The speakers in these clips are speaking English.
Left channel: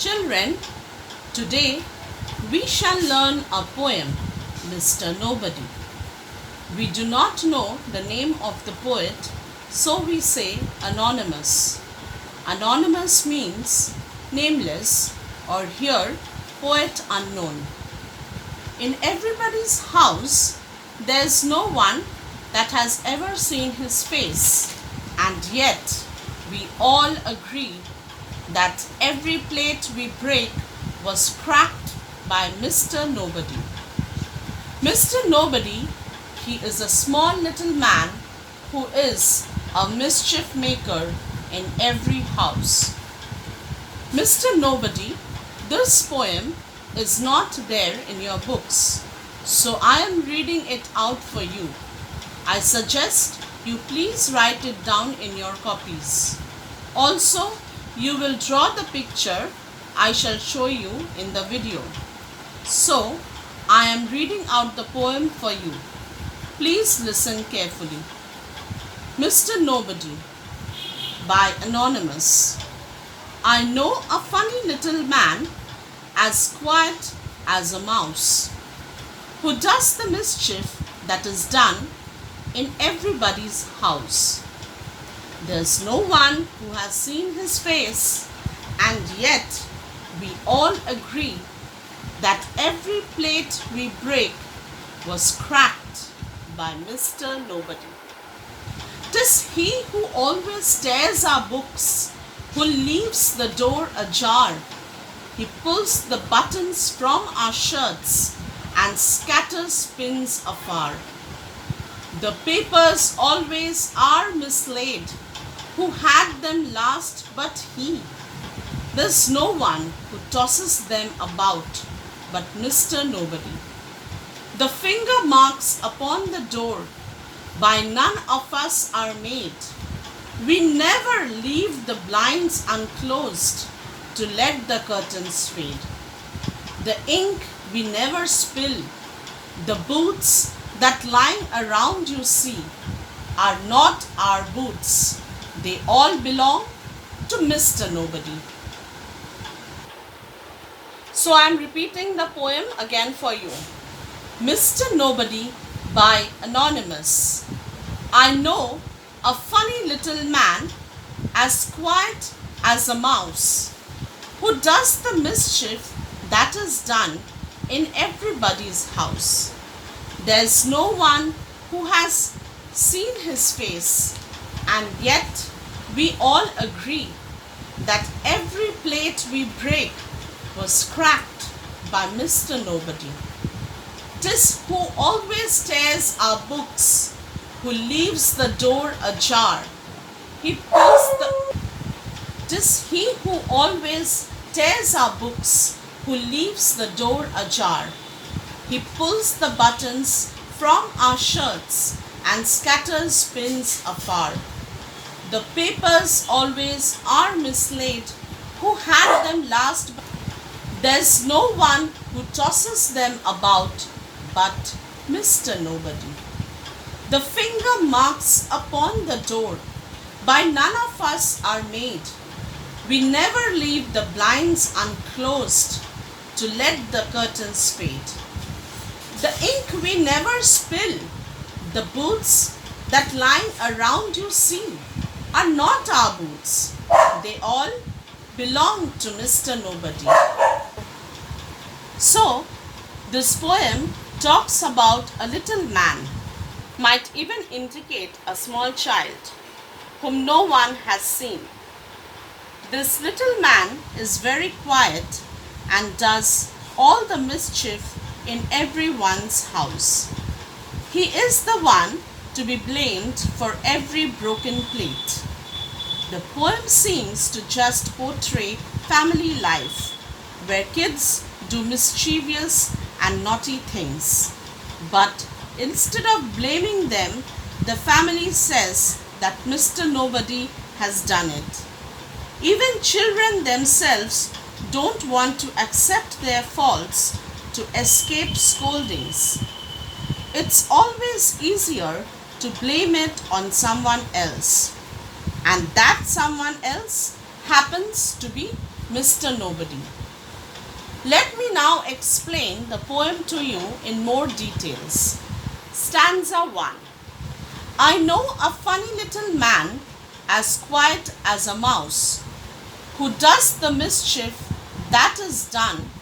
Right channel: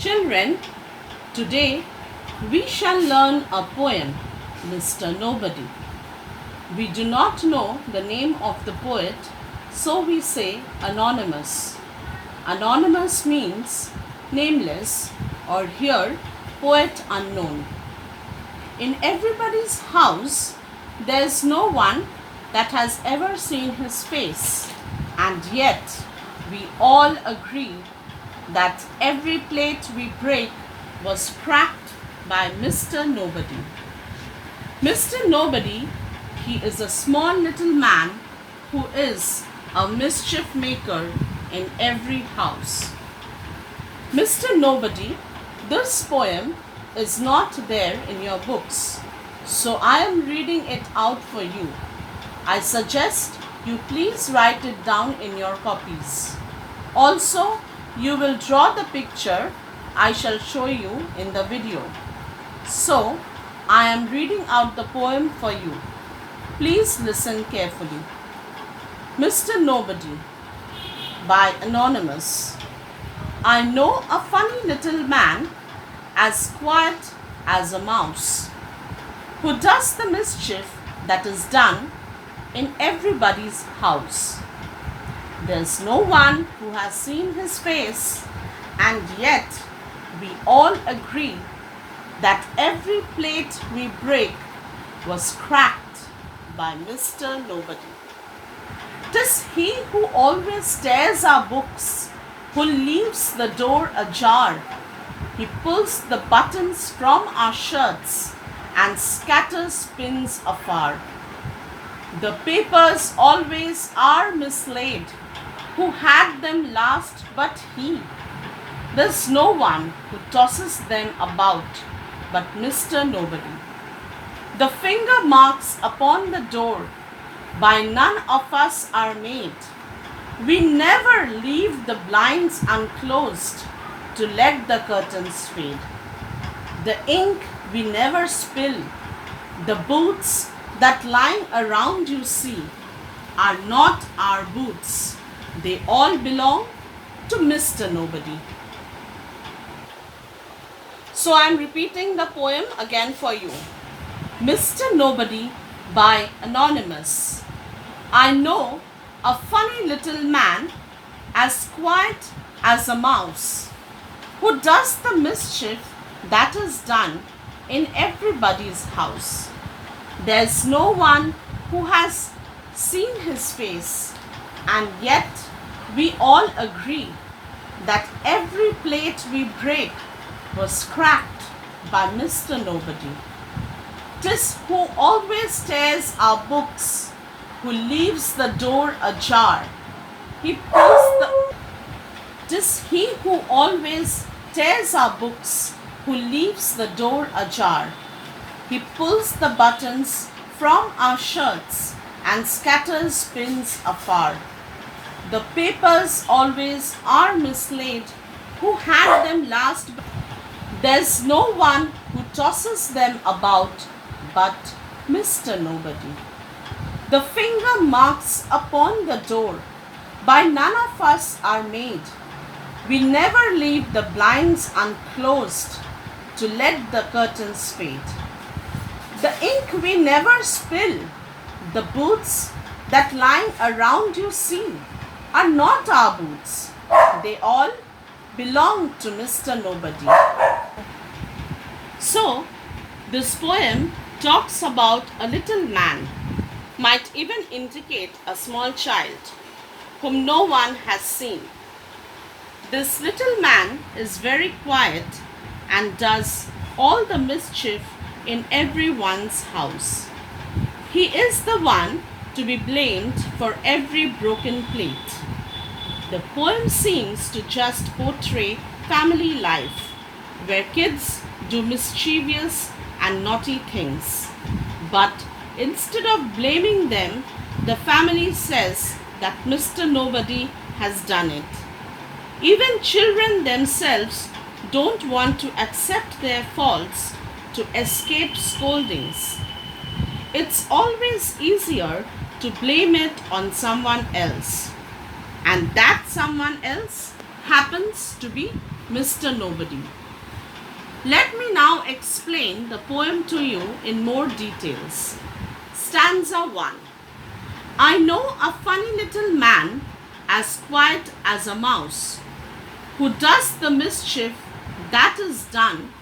Children, today we shall learn a poem, Mr. Nobody. We do not know the name of the poet, so we say anonymous. Anonymous means nameless, or here poet unknown. In everybody's house, there's no one that has ever seen his face, and yet we all agree that every plate we break was cracked by Mr. Nobody. Mr. Nobody, he is a small little man who is a mischief maker in every house. Mr. Nobody, this poem is not there in your books, so I am reading it out for you. I suggest you please write it down in your copies. Also, you will draw the picture I shall show you in the video. So, I am reading out the poem for you. Please listen carefully. Mr. Nobody by Anonymous. I know a funny little man, as quiet as a mouse, who does the mischief that is done in everybody's house. There's no one who has seen his face, and yet we all agree that every plate we break was cracked by Mr. Nobody. 'Tis he who always tears our books, who leaves the door ajar. He pulls the buttons from our shirts and scatters pins afar. The papers always are mislaid, who had them last but he. There's no one who tosses them about but Mr. Nobody. The finger marks upon the door by none of us are made. We never leave the blinds unclosed to let the curtains fade. The ink we never spill. The boots that lying around you see are not our boots. They all belong to Mr. Nobody. So I am repeating the poem again for you. Mr. Nobody by Anonymous. I know a funny little man, as quiet as a mouse, who does the mischief that is done in everybody's house. There's no one who has seen his face, and yet we all agree that every plate we break was cracked by Mr. Nobody. 'Tis who always tears our books, who leaves the door ajar. He pulls the 'Tis he who always tears our books, who leaves the door ajar. He pulls the buttons from our shirts and scatters pins afar. The papers always are mislaid, who had them last. There's no one who tosses them about but Mr. Nobody. The finger marks upon the door by none of us are made. We never leave the blinds unclosed to let the curtains fade. The ink we never spill. The boots that lying around you see are not our boots. They all belong to Mr. Nobody. So, this poem talks about a little man, might even indicate a small child, whom no one has seen. This little man is very quiet and does all the mischief in everyone's house. He is the one to be blamed for every broken plate. The poem seems to just portray family life, where kids do mischievous and naughty things. But instead of blaming them, the family says that Mr. Nobody has done it. Even children themselves don't want to accept their faults to escape scoldings. It's always easier to blame it on someone else. And that someone else happens to be Mr. Nobody. Let me now explain the poem to you in more details. Stanza 1. I know a funny little man, as quiet as a mouse, who does the mischief that is done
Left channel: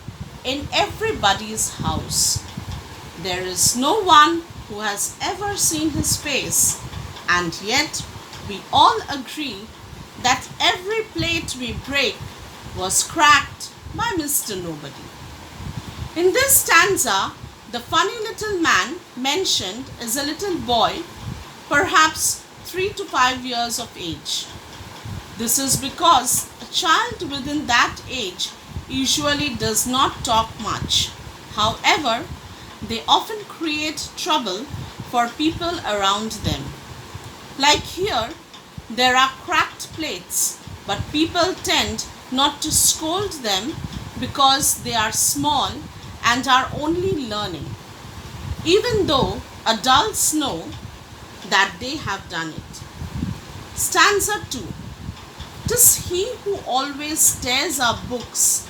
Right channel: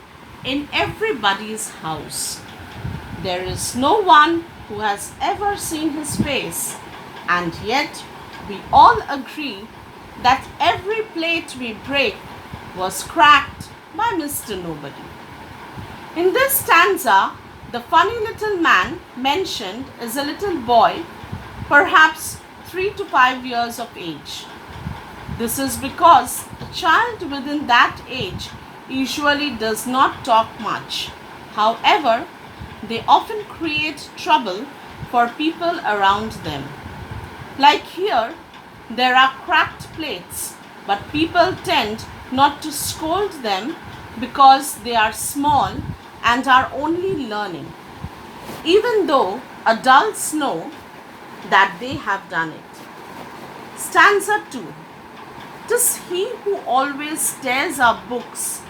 in everybody's house. There is no one who has ever seen his face, and yet we all agree that every plate we break was cracked by Mr. Nobody. In this stanza, the funny little man mentioned is a little boy, perhaps 3 to 5 years of age. This is because a child within that age usually does not talk much. However, they often create trouble for people around them. Like here, there are cracked plates, but people tend not to scold them because they are small and are only learning, even though adults know that they have done it. Stanza 2. 'Tis he who always tears our books,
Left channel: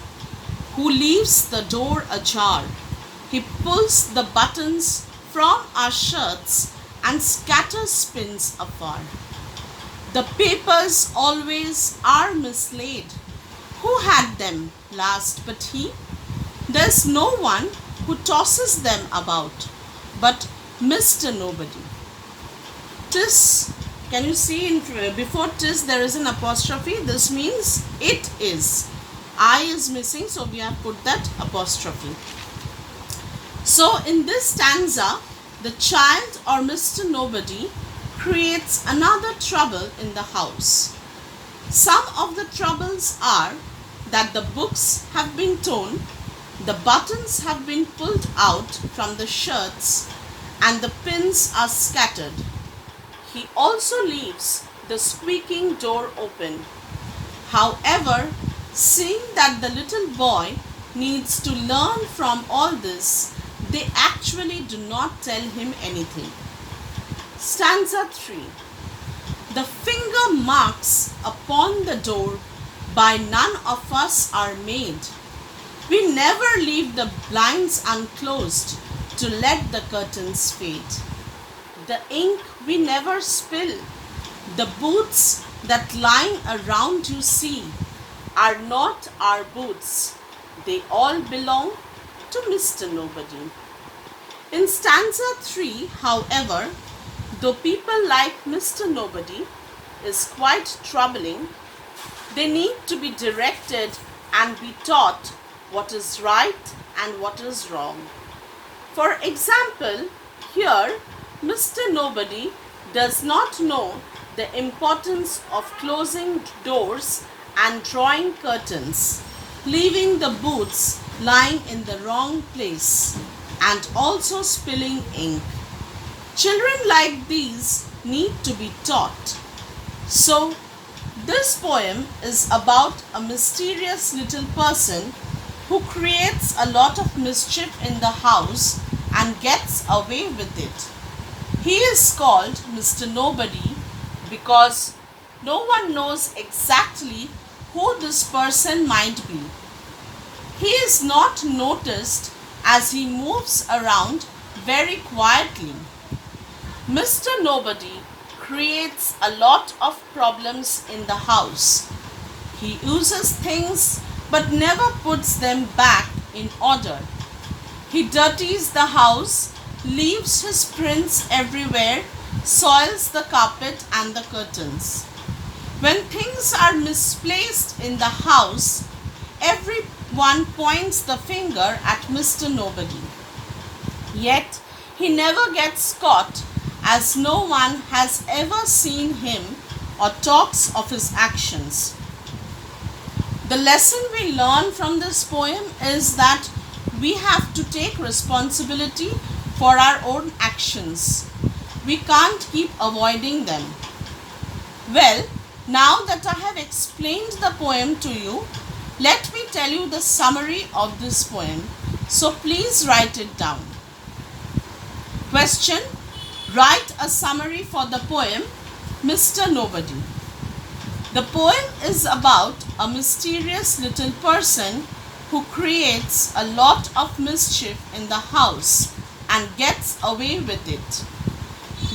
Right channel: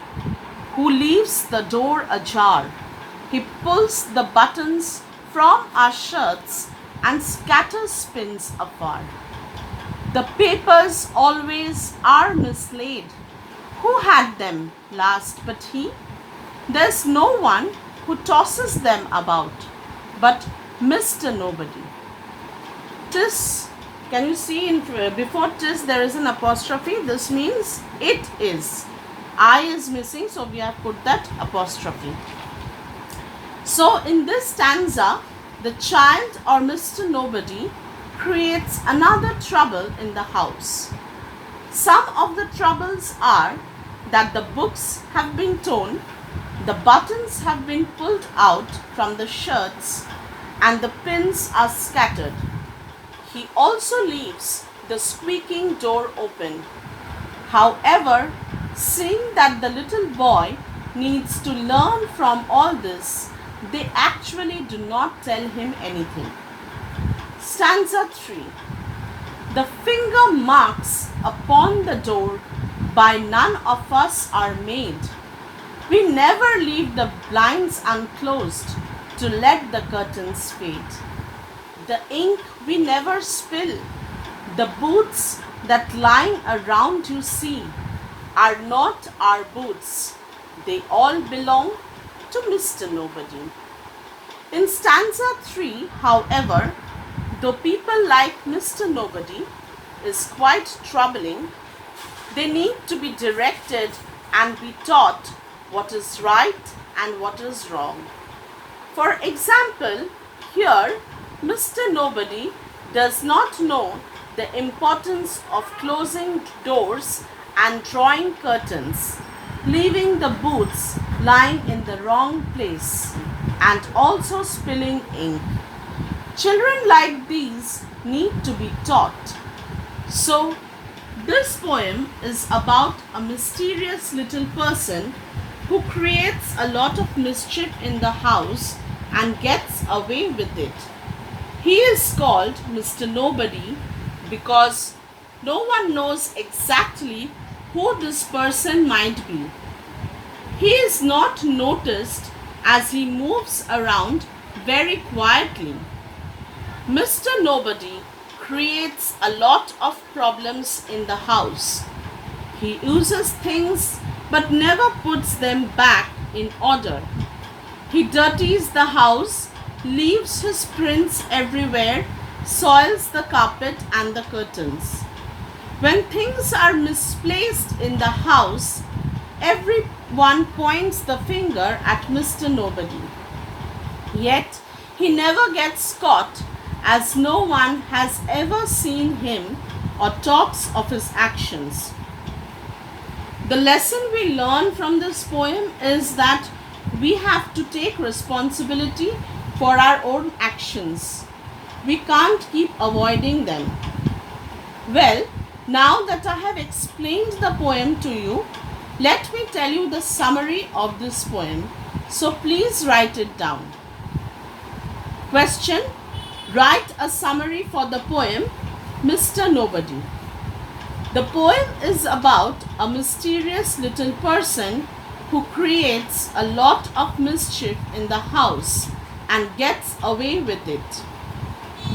who leaves the door ajar. He pulls the buttons from our shirts and scatters pins afar. The papers always are mislaid. Who had them last but he? There's no one who tosses them about but Mr. Nobody. 'Tis, can you see before 'tis there is an apostrophe? This means it is. I is missing, so we have put that apostrophe. So in this stanza, the child or Mr. Nobody creates another trouble in the house. Some of the troubles are that the books have been torn, the buttons have been pulled out from the shirts, and the pins are scattered. He also leaves the squeaking door open. However, seeing that the little boy needs to learn from all this, they actually do not tell him anything. Stanza 3. The finger marks upon the door by none of us are made. We never leave the blinds unclosed to let the curtains fade. The ink we never spill. The boots that lying around you see are not our boots. They all belong to Mr. Nobody. In stanza 3, however, though people like Mr. Nobody is quite troubling, they need to be directed and be taught what is right and what is wrong. For example, here Mr. Nobody does not know the importance of closing doors and drawing curtains, leaving the boots lying in the wrong place, and also spilling ink. Children like these need to be taught. So, this poem is about a mysterious little person who creates a lot of mischief in the house and gets away with it. He is called Mr. Nobody because no one knows exactly who this person might be. He is not noticed as he moves around very quietly. Mr. Nobody creates a lot of problems in the house. He uses things but never puts them back in order. He dirties the house, leaves his prints everywhere, soils the carpet and the curtains. When things are misplaced in the house, everyone points the finger at Mr. Nobody. Yet he never gets caught, as no one has ever seen him or talks of his actions. The lesson we learn from this poem is that we have to take responsibility for our own actions. We can't keep avoiding them. Well, now that I have explained the poem to you, let me tell you the summary of this poem. So please write it down. Question: write a summary for the poem Mr. Nobody. The poem is about a mysterious little person who creates a lot of mischief in the house and gets away with it.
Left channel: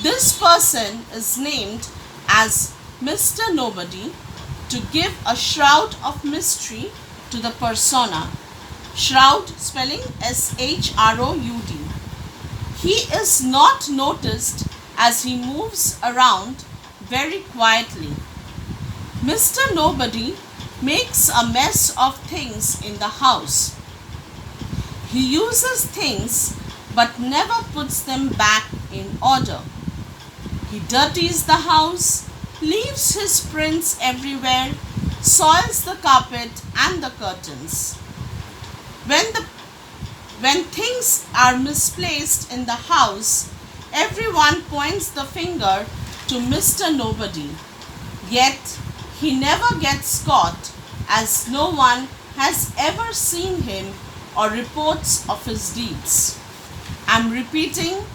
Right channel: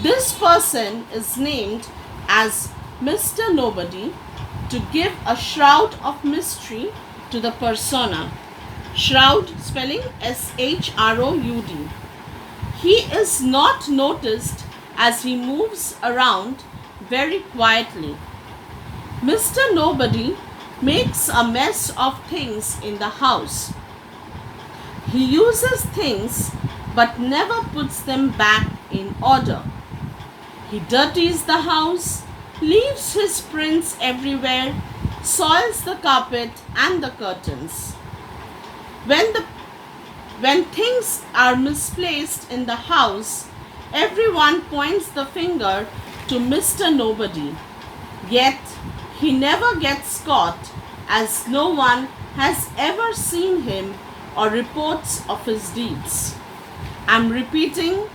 This person is named as Mr. Nobody to give a shroud of mystery to the persona. Shroud spelling Shroud. He is not noticed as he moves around very quietly. Mr. Nobody makes a mess of things in the house. He uses things but never puts them back in order. He dirties the house, leaves his prints everywhere, soils the carpet and the curtains. When things are misplaced in the house, everyone points the finger to Mr. Nobody. Yet he never gets caught, as no one has ever seen him or reports of his deeds. I'm repeating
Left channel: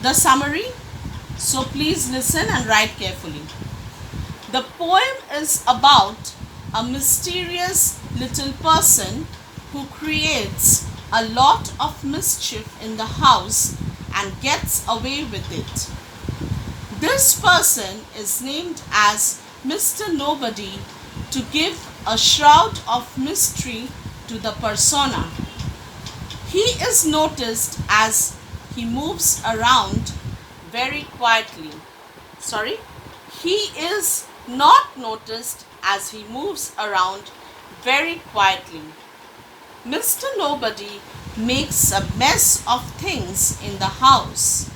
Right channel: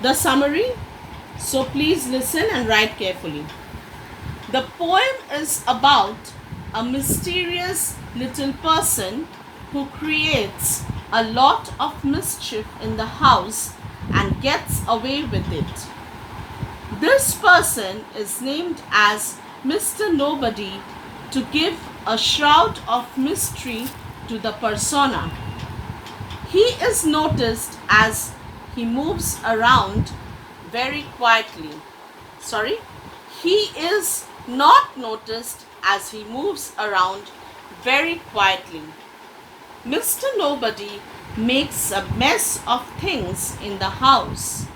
the summary, so please listen and write carefully. The poem is about a mysterious little person who creates a lot of mischief in the house and gets away with it. This person is named as Mr. Nobody to give a shroud of mystery to the persona. He is noticed as he moves around very quietly. He is not noticed as he moves around very quietly. Mr. Nobody makes a mess of things in the house.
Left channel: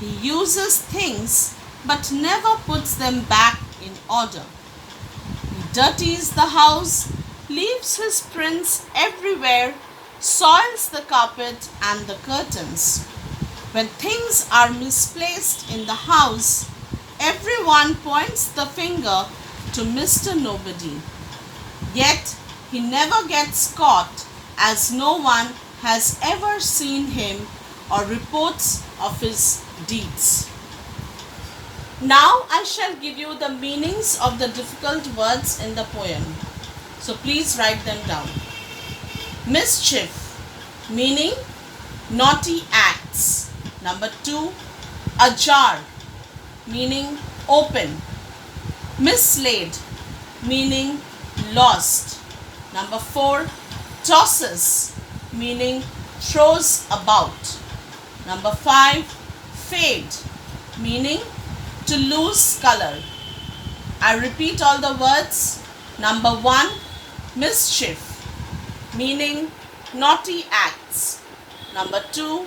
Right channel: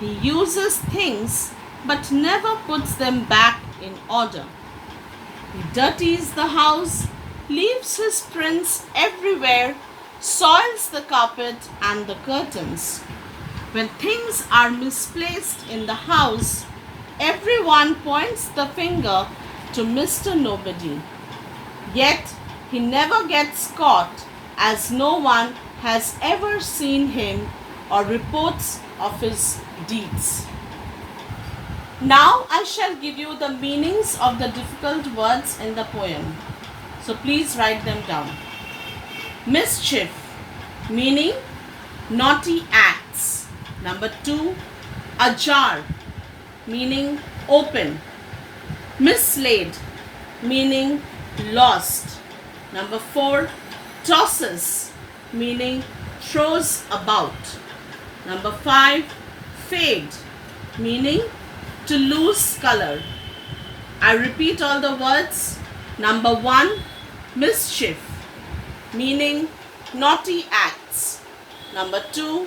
He uses things but never puts them back in order. He dirties the house, leaves his prints everywhere, soils the carpet and the curtains. When things are misplaced in the house, everyone points the finger to Mr. Nobody. Yet he never gets caught, as no one has ever seen him or reports of his deeds. Now I shall give you the meanings of the difficult words in the poem. So please write them down. Mischief, meaning naughty acts. Number 2, ajar, meaning open. Mislaid, meaning lost. Number 4, tosses, meaning throws about. Number 5, fade, meaning to lose color. I repeat all the words. Number 1, mischief, meaning naughty acts. Number 2,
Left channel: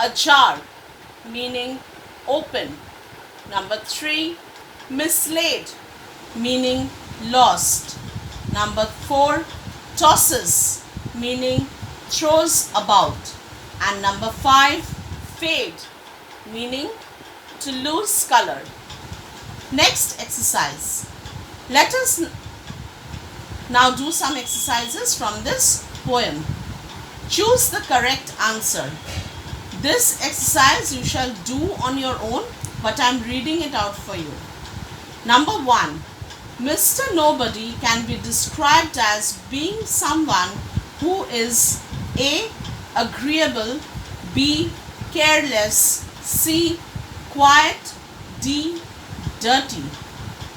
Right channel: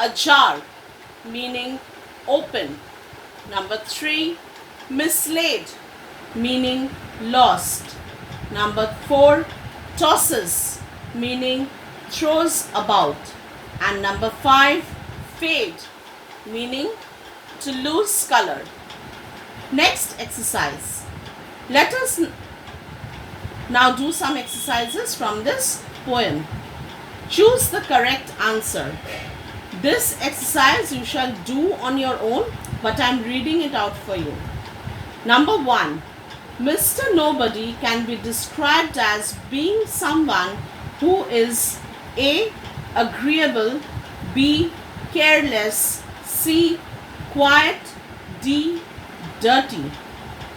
ajar, meaning open. Number 3, mislaid, meaning lost. Number 4, tosses, meaning throws about. And number 5, fade, meaning to lose color. Next exercise. Let us now do some exercises from this poem. Choose the correct answer. This exercise you shall do on your own, but I am reading it out for you. Number 1. Mr. Nobody can be described as being someone who is A. agreeable, B. careless, C. quiet, D. dirty.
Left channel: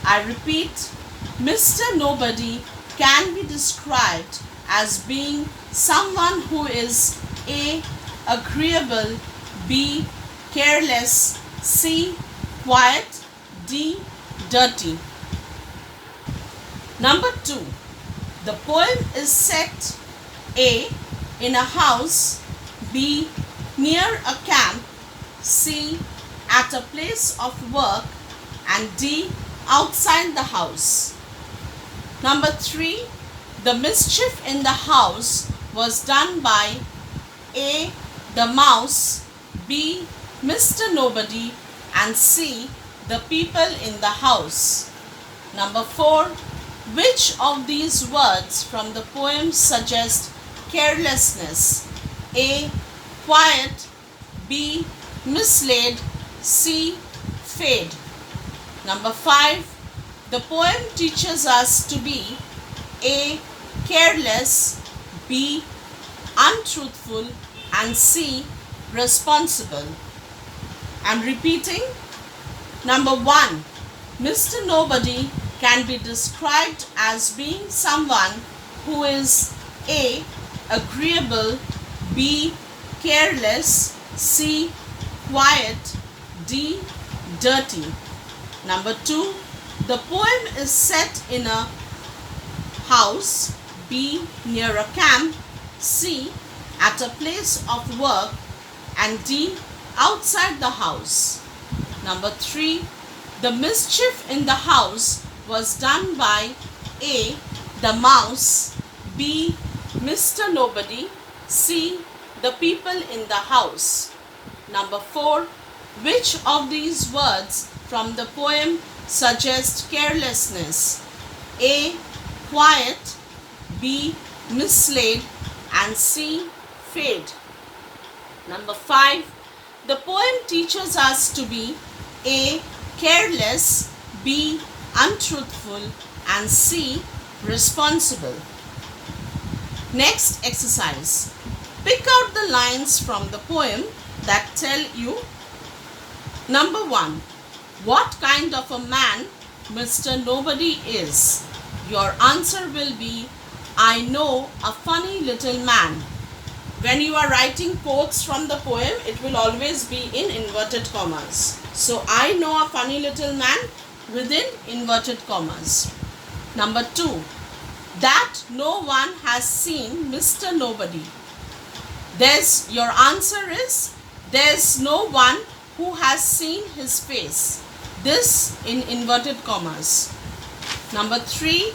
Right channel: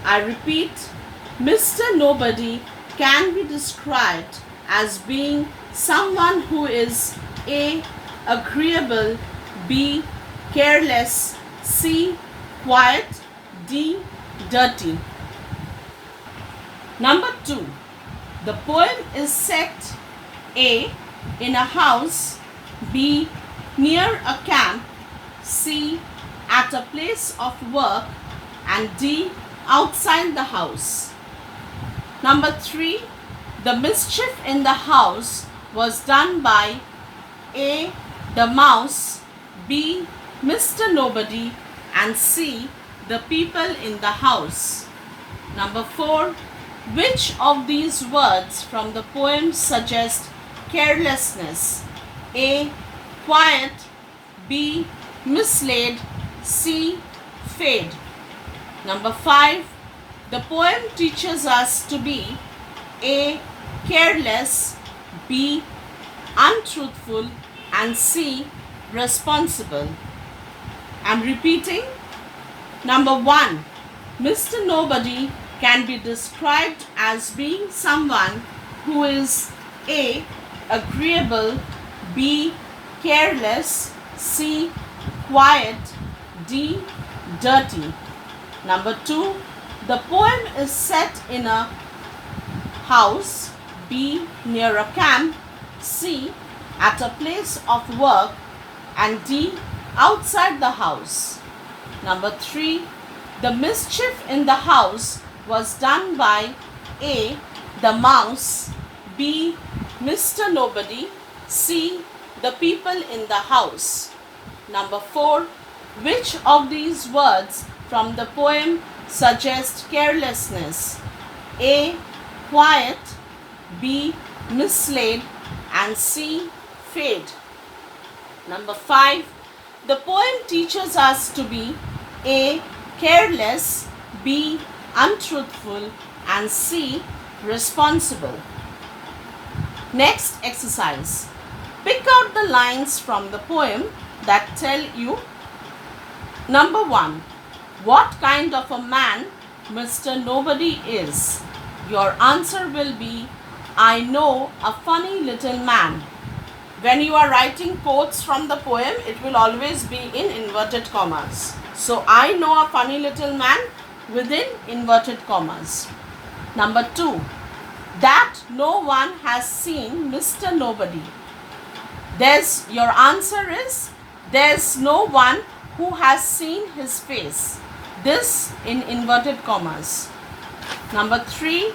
I repeat, Mr. Nobody can be described as being someone who is A. agreeable, B. careless, C. quiet, D. dirty. Number 2. The poem is set A. in a house, B. near a camp, C. at a place of work, and D. outside the house. Number 3. The mischief in the house was done by A. the mouse, B. Mr. Nobody, and C. the people in the house. Number 4. Which of these words from the poem suggest carelessness? A. quiet, B. mislaid, C. fade. Number 5. The poem teaches us to be A. Careless, B. Untruthful, and C. Responsible. I'm repeating. Number 1. Mr. Nobody can be described as being someone who is A. Agreeable, B. Careless, C. Quiet, D. Dirty. Number 2. The poem is set in a house, B. Near a camp, C. At a place of work, and D. Outside the house. Number 3. The mischief in the house was done by A. The mouse, B. Mr. Nobody, C. The people in the house. Number 4. Which of these words from the poem suggest carelessness? A. Quiet, B. Mislaid, and C. Fade. Number 5. The poem teaches us to be A. Careless, B. Untruthful, and C. Responsible. Next exercise. Pick out the lines from the poem that tell you. Number 1. What kind of a man Mr. Nobody is? Your answer will be, I know a funny little man. When you are writing quotes from the poem, it will always be in inverted commas. So, I know a funny little man within inverted commas. Number 2. That no one has seen Mr. Nobody. Your answer is, there's no one who has seen his face. This in inverted commas. Number 3.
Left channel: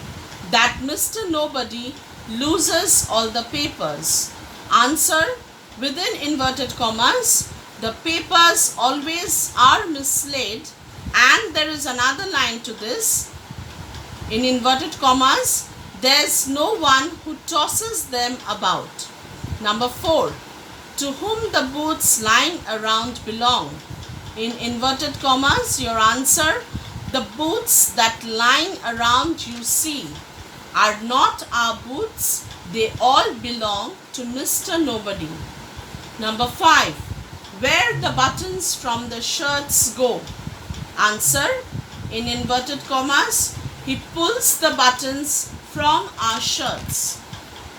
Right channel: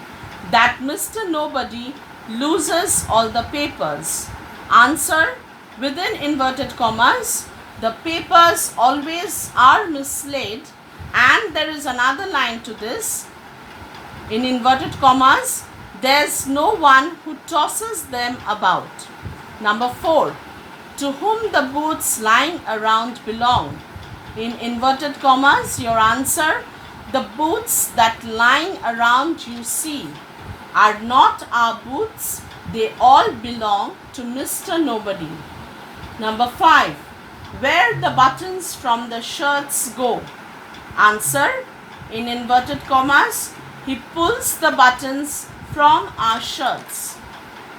That Mr. Nobody loses all the papers. Answer, within inverted commas, the papers always are mislaid, and there is another line to this. In inverted commas, there's no one who tosses them about. Number 4. To whom the boots lying around belong. In inverted commas, your answer, the boots that lying around you see are not our boots, they all belong to Mr. Nobody. Number 5. Where the buttons from the shirts go. Answer, in inverted commas, he pulls the buttons from our shirts.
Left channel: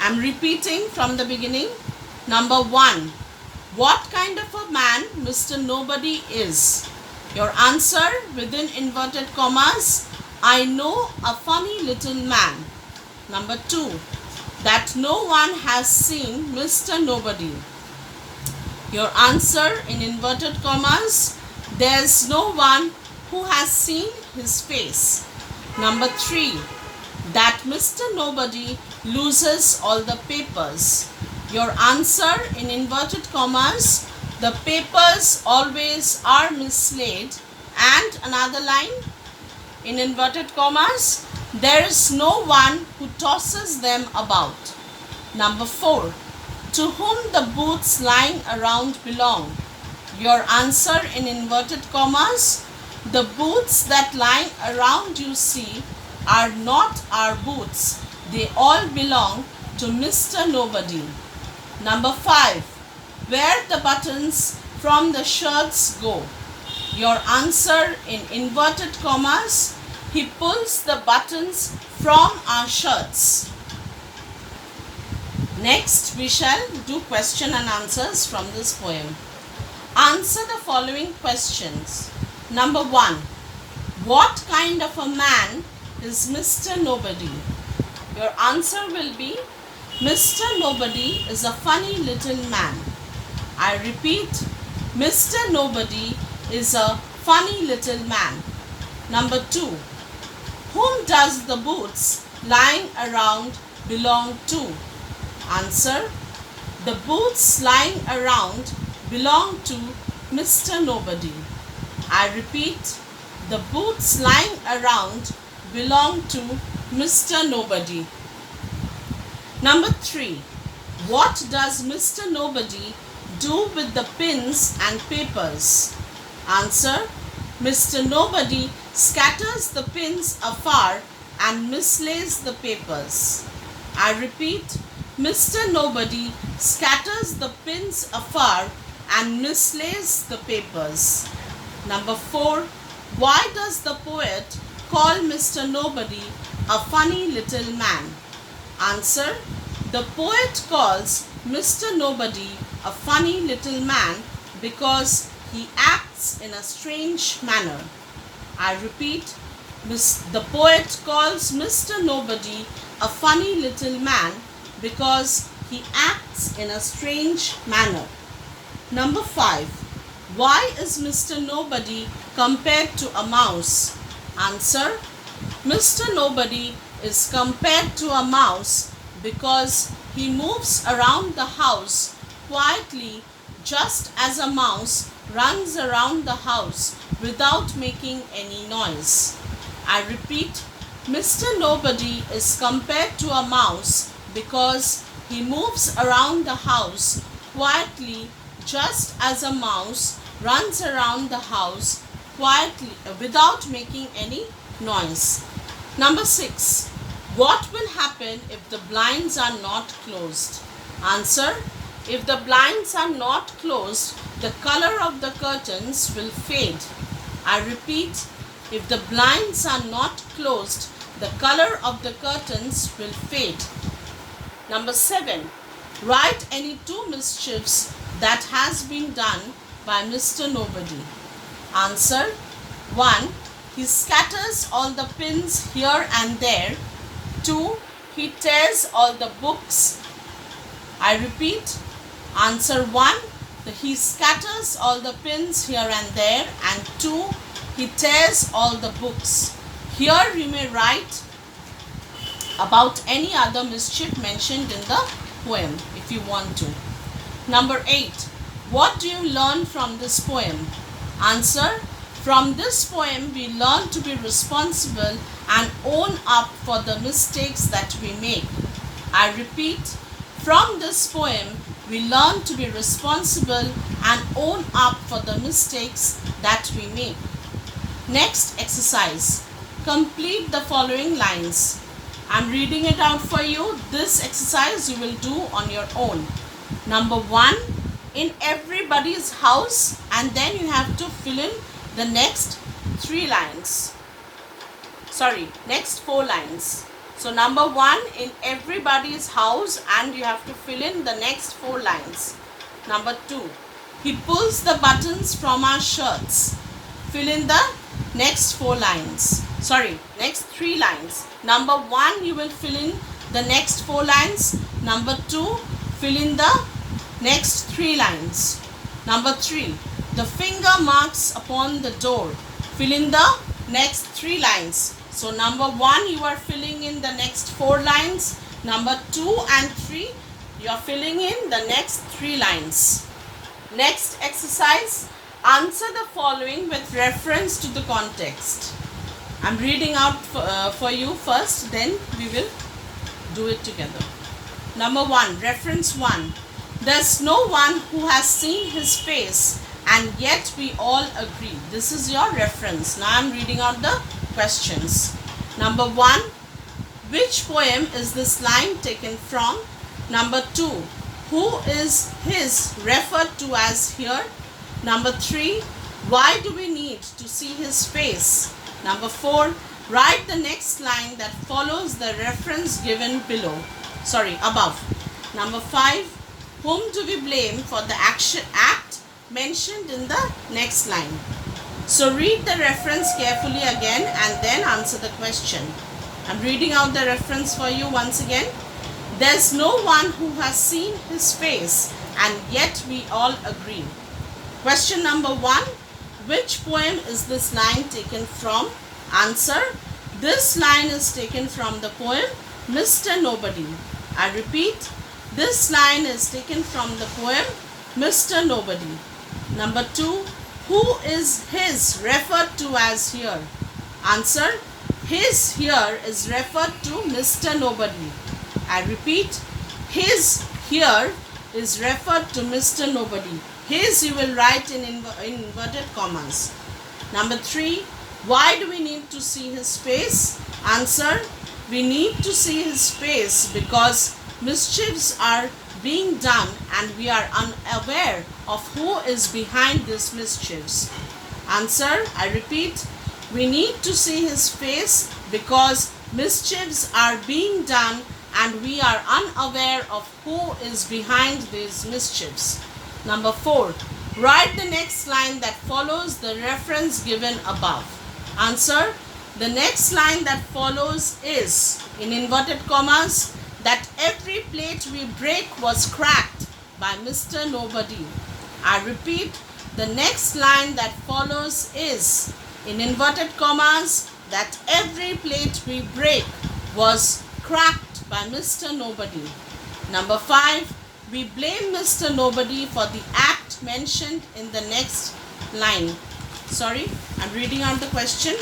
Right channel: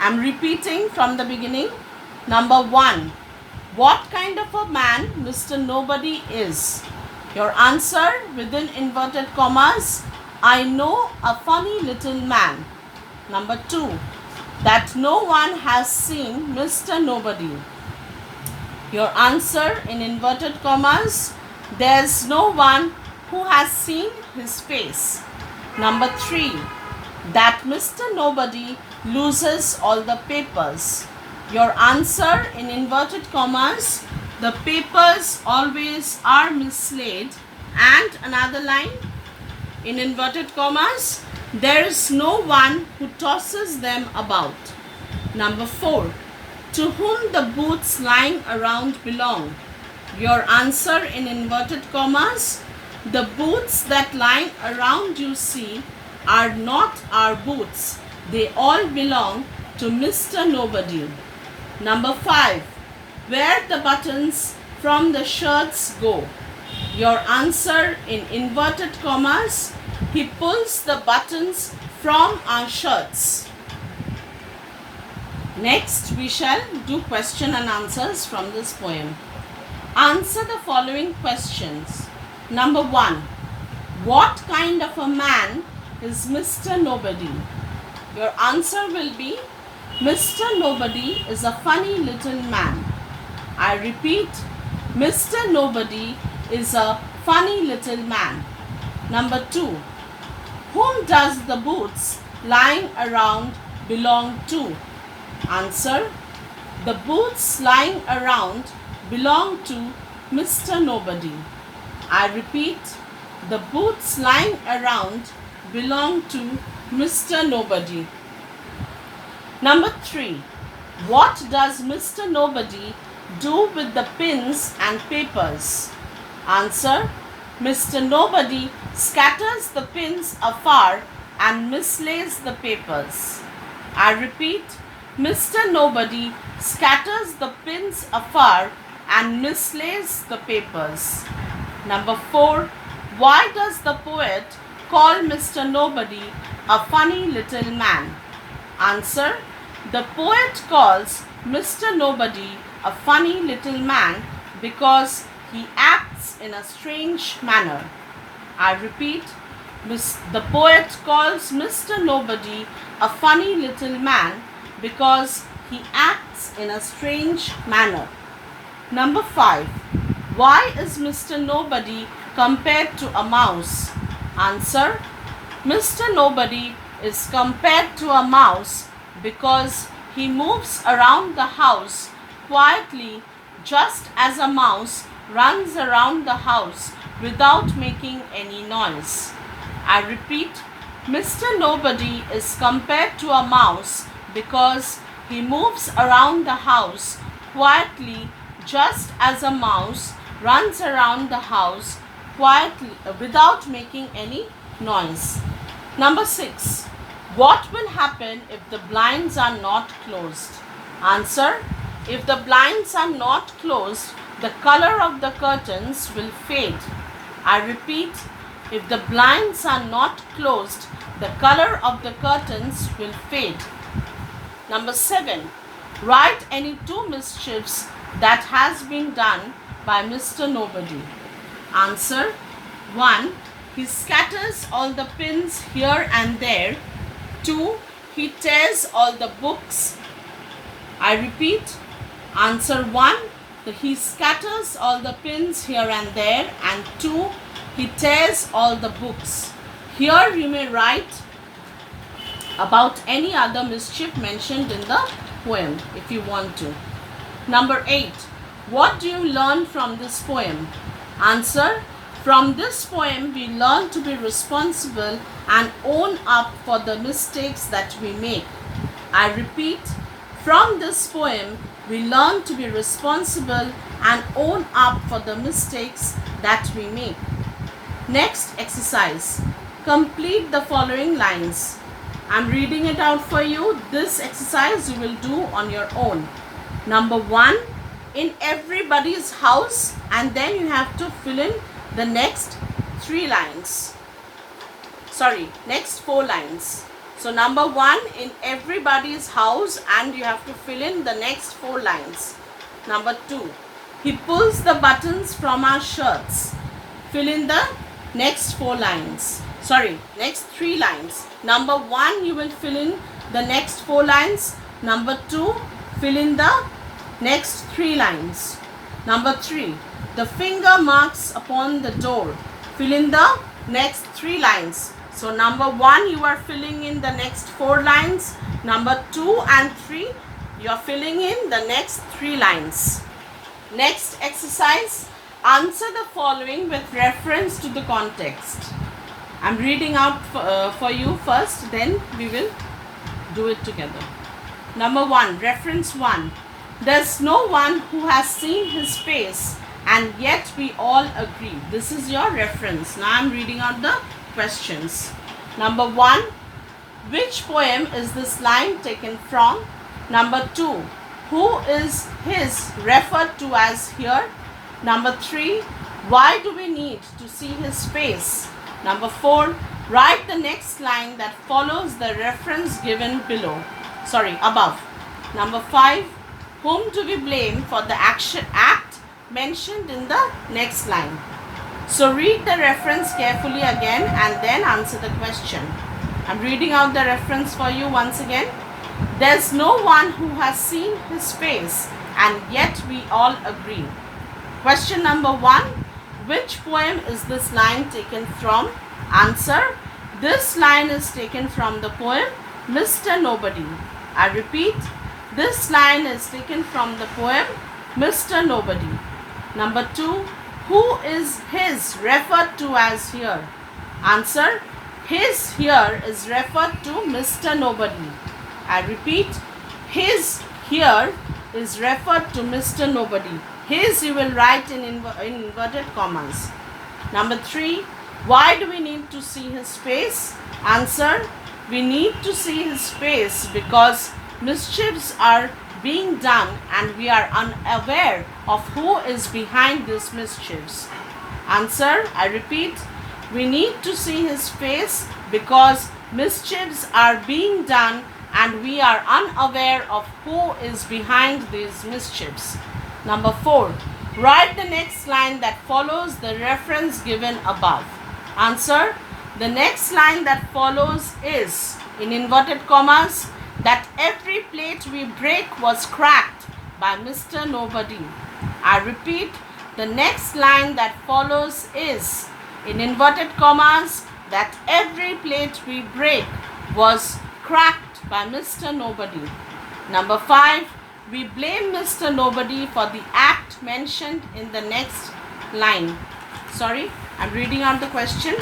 I'm repeating from the beginning. Number 1. What kind of a man Mr. Nobody is? Your answer, within inverted commas, I know a funny little man. Number 2. That no one has seen Mr. Nobody. Your answer, in inverted commas, there's no one who has seen his face. Number 3. That Mr. Nobody loses all the papers. Your answer, in inverted commas, the papers always are mislaid. And another line, in inverted commas, there is no one who tosses them about. Number 4. To whom the boots lying around belong. Your answer, in inverted commas, the boots that lying around you see are not our boots. They all belong to Mr. Nobody. Number 5. Where the buttons from the shirts go. Your answer, in inverted commas, he pulls the buttons from our shirts. Next, we shall do question and answers from this poem. Answer the following questions. Number 1. What kind of a man is Mr. Nobody? Your answer will be, Mr. Nobody is a funny little man. I repeat, Mr. Nobody is a funny little man. Number 2. Whom does the boots lying around belong to? Answer, the boots lying around belong to Mr. Nobody. I repeat, the boots lying around belong to Mr. Nobody. Number 3. What does Mr. Nobody do with the pins and papers? Answer, Mr. Nobody scatters the pins afar and mislays the papers. I repeat, Mr. Nobody scatters the pins afar and mislays the papers. Number 4. Why does the poet call Mr. Nobody a funny little man? Answer. The poet calls Mr. Nobody a funny little man because he acts in a strange manner. I repeat, the poet calls Mr. Nobody a funny little man because he acts in a strange manner. Number 5. Why is Mr. Nobody compared to a mouse? Answer. Mr. Nobody is compared to a mouse because he moves around the house quietly, just as a mouse runs around the house without making any noise. I repeat, Mr. Nobody is compared to a mouse because he moves around the house quietly, just as a mouse runs around the house quietly without making any noise. Number 6. What will happen if the blinds are not closed? Answer. If the blinds are not closed, the color of the curtains will fade. I repeat, if the blinds are not closed, the color of the curtains will fade. Number 7. Write any 2 mischiefs that has been done by Mr. Nobody. Answer. 1. He scatters all the pins here and there. 2. He tears all the books. I repeat, answer 1. He scatters all the pins here and there, and 2. He tears all the books. Here you may write about any other mischief mentioned in the poem if you want to. Number 8. What do you learn from this poem? Answer. From this poem we learn to be responsible and own up for the mistakes that we make. I repeat, from this poem we learn to be responsible and own up for the mistakes that we make. Next exercise. Complete the following lines. I'm reading it out for you. This exercise you will do on your own. Number 1, in everybody's house, and then you have to fill in the next 3 lines. Next 4 lines. So number 1, in everybody's house, and you have to fill in the next 4 lines. Number 2, he pulls the buttons from our shirts. Fill in the next 4 lines. Next 3 lines. Number 1, you will fill in the next 4 lines. Number 2, fill in the next 3 lines. Number 3, the finger marks upon the door. Fill in the next 3 lines. So number 1, you are filling in the next 4 lines. Number 2 and 3, you are filling in the next 3 lines. Next exercise, answer the following with reference to the context. I'm reading out for you first, then we will do it together. Number 1, reference 1. There's no one who has seen his face, and yet we all agree. This is your reference. Now I'm reading out the questions. Number 1, which poem is this line taken from? Number 2, who is his referred to as here? Number 3, why do we need to see his face? Number 4, write the next line that follows the reference given above. Number 5, whom do we blame for the act mentioned in the next line? So read the reference carefully again and then answer the question. I'm reading out the reference for you once again. There's no one who has seen his face, and yet we all agree. Question number 1. Which poem is this line taken from? Answer. This line is taken from the poem Mr. Nobody. I repeat, this line is taken from the poem Mr. Nobody. Number 2. Who is his referred to as here? Answer. His here is referred to Mr. Nobody. I repeat, his here is referred to Mr. Nobody. His you will write in inverted commas. Number 3. Why do we need to see his face? Answer: we need to see his face because mischiefs are being done and we are unaware of who is behind these mischiefs. Answer: I repeat, we need to see his face because mischiefs are being done and we are unaware of who is behind these mischiefs. Number 4. Write the next line that follows the reference given above. Answer: the next line that follows is, in inverted commas, that every plate we break was cracked by Mr. Nobody. I repeat, the next line that follows is, in inverted commas, that every plate we break was cracked by Mr. Nobody. Number 5. We blame Mr. Nobody for the act mentioned in the next line. Sorry, I'm reading out the question.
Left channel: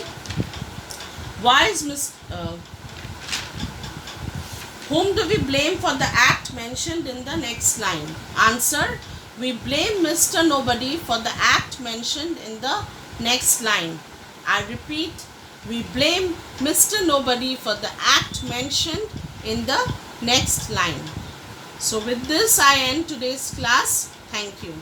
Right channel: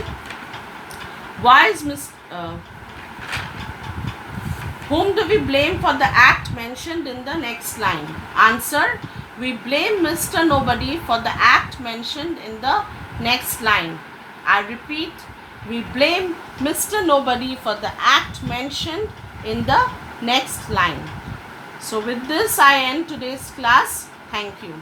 Why is whom do we blame for the act mentioned in the next line? Answer: we blame Mr. Nobody for the act mentioned in the next line. I repeat, we blame Mr. Nobody for the act mentioned in the next line. So with this, I end today's class. Thank you.